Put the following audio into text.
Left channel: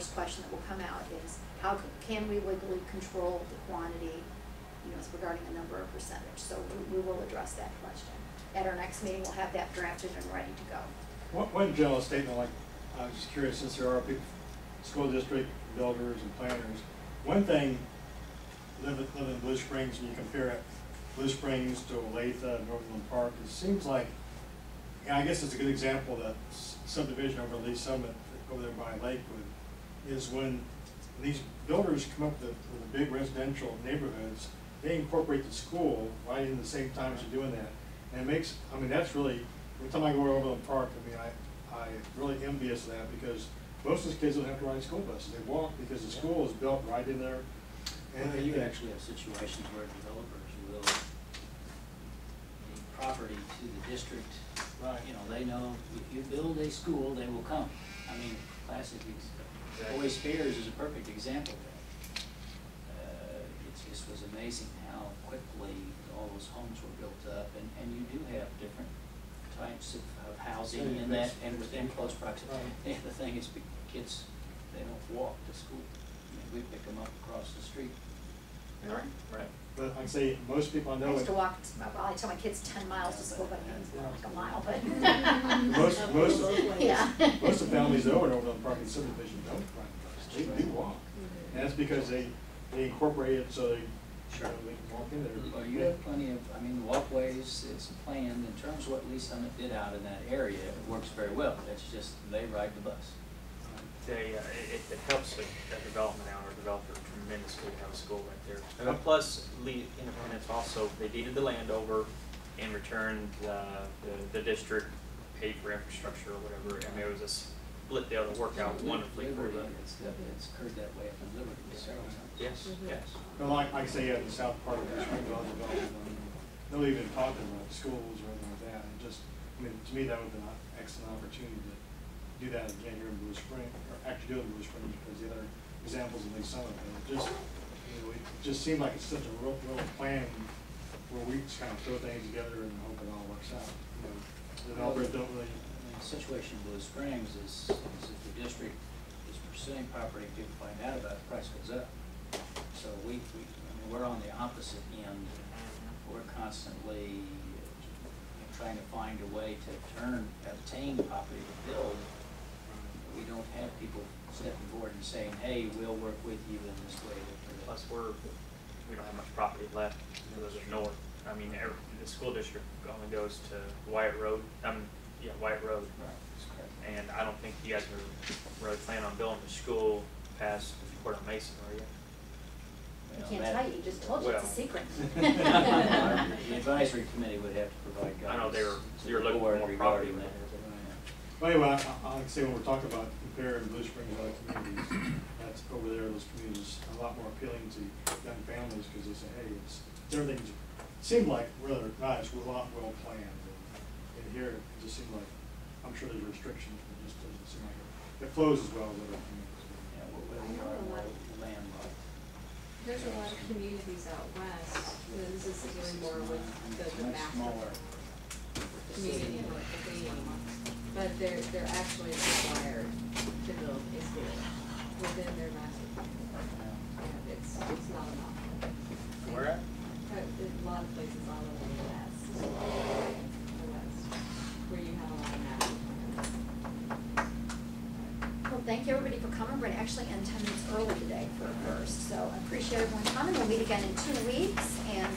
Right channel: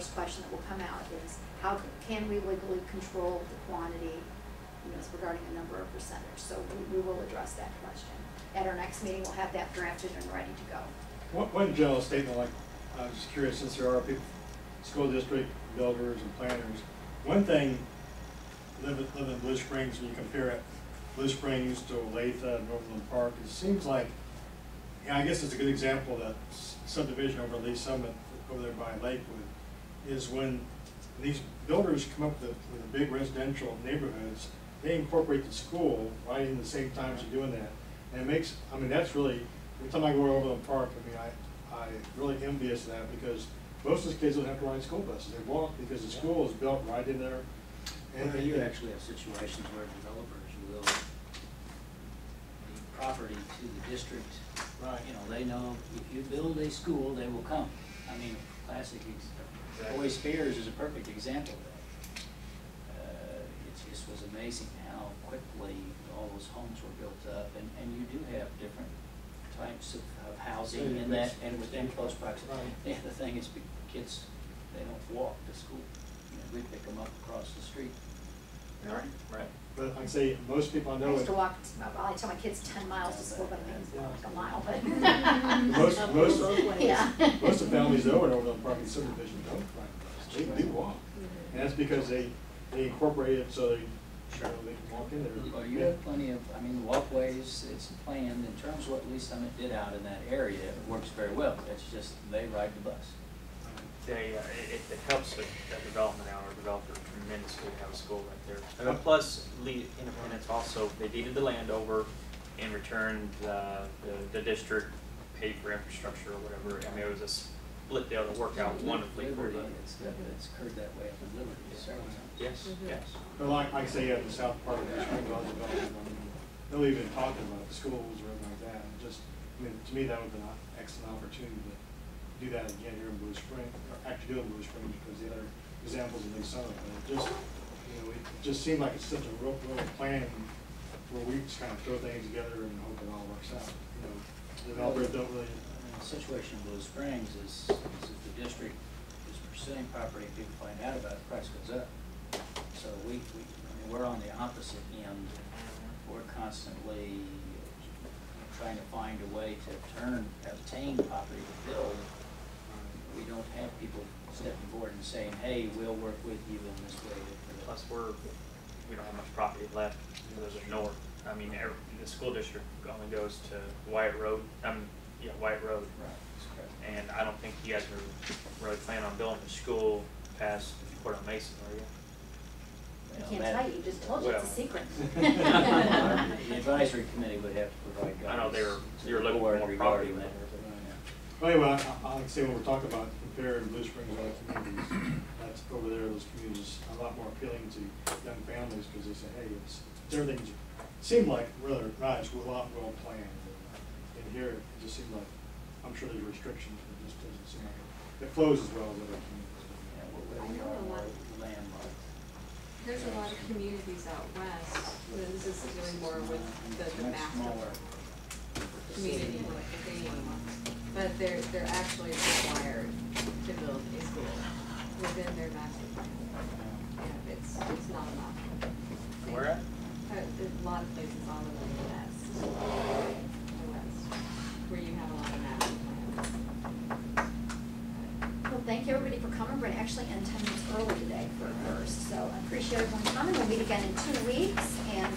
first question that will come out is, how can we legally control the quantity, you know, as regarding a number or percentage? So we will address that question. At our next meeting, we'll have that drafted and ready to go. One general statement, like, I was just curious, since there are people, school district builders and planners, one thing, living in Blue Springs, when you compare it, Blue Springs to Olathe and Overland Park, it seems like, yeah, I guess it's a good example that subdivision over Lee Summit, over there by Lakewood, is when these builders come up with the big residential neighborhoods, they incorporate the school right in the same time as you're doing that. And it makes, I mean, that's really, every time I go to Overland Park, I mean, I really envious of that, because most of the kids don't have to ride school buses. They walk because the school is built right in there. And well, you actually have situations where developers will need property to the district. Right. You know, they know if you build a school, they will come. I mean, classic, Boy Spears is a perfect example of that. It just was amazing how quickly all those homes were built up, and you do have different types of housing in that, and within close proximity. Right. And the thing is, kids, they don't walk to school. I mean, we pick them up across the street. Really? Right. But like I say, most people I know. I used to walk, well, I tell my kids 10 miles to school, but I think it's more like a mile, but. most yeah. of the families though in Overland Park and subdivision don't ride the bus. They do walk. Mm-hmm. And that's because they incorporate it so they, sure, you know, they can walk in there. Well, you have plenty of, I mean, the walkways, it's planned in terms of what Lee Summit did out in that area. It works very well. It's just they ride the bus. It helps with the development out or developer tremendously to have a school right there. Plus, Lee Independence also, they deeded the land over and returned the district paid for infrastructure or whatever. I mean, it was a split deal to work out wonderfully for them. It's occurred that way up in Liberty several times. Yes, yes. But like I say, the south part of the Springs, all development, I mean, they'll even talking about the schools or anything like that. And just, I mean, to me, that would have been an excellent opportunity to do that again here in Blue Springs, or actually do it in Blue Springs, because the other examples in Lee Summit, it just, you know, it just seemed like it's such a real plan where we just kind of throw things together and hope it all works out. You know, developers don't really. I mean, the situation in Blue Springs is if the district is pursuing property and people find out about it, the price goes up. So I mean, we're on the opposite end. We're constantly trying to find a way to obtain property to build. We don't have people stepping forward and saying, hey, we'll work with you in this way. Plus, we don't have much property left to the north. I mean, the school district only goes to Wyatt Road. Wyatt Road. Right, that's correct. And I don't think you guys are really planning on building a school past Cordell Mason, are you? I can't tell you, you just told you it's a secret. The advisory committee would have to provide guidance. I know they were looking for more property that. Well, anyway, I like to say when we're talking about comparing Blue Springs to other communities, that's over there, those communities are a lot more appealing to young families because they say, hey, everything's seemed like rather nice, a lot well planned. And here, it just seemed like, I'm sure there's restrictions, but it just doesn't seem like it flows as well as other communities. Yeah, where we are more landlocked. There's a lot of communities out west. This is dealing more with the master community thing. But they're actually required to build a school within their master plan. Yeah, it's not enough. Where at? There's a lot of places all over the west, where you have a lot of master plans. Well, thank you everybody for coming. We're going to actually end 10 minutes early today for first. So I appreciate everyone coming. We'll meet again in 2 weeks. And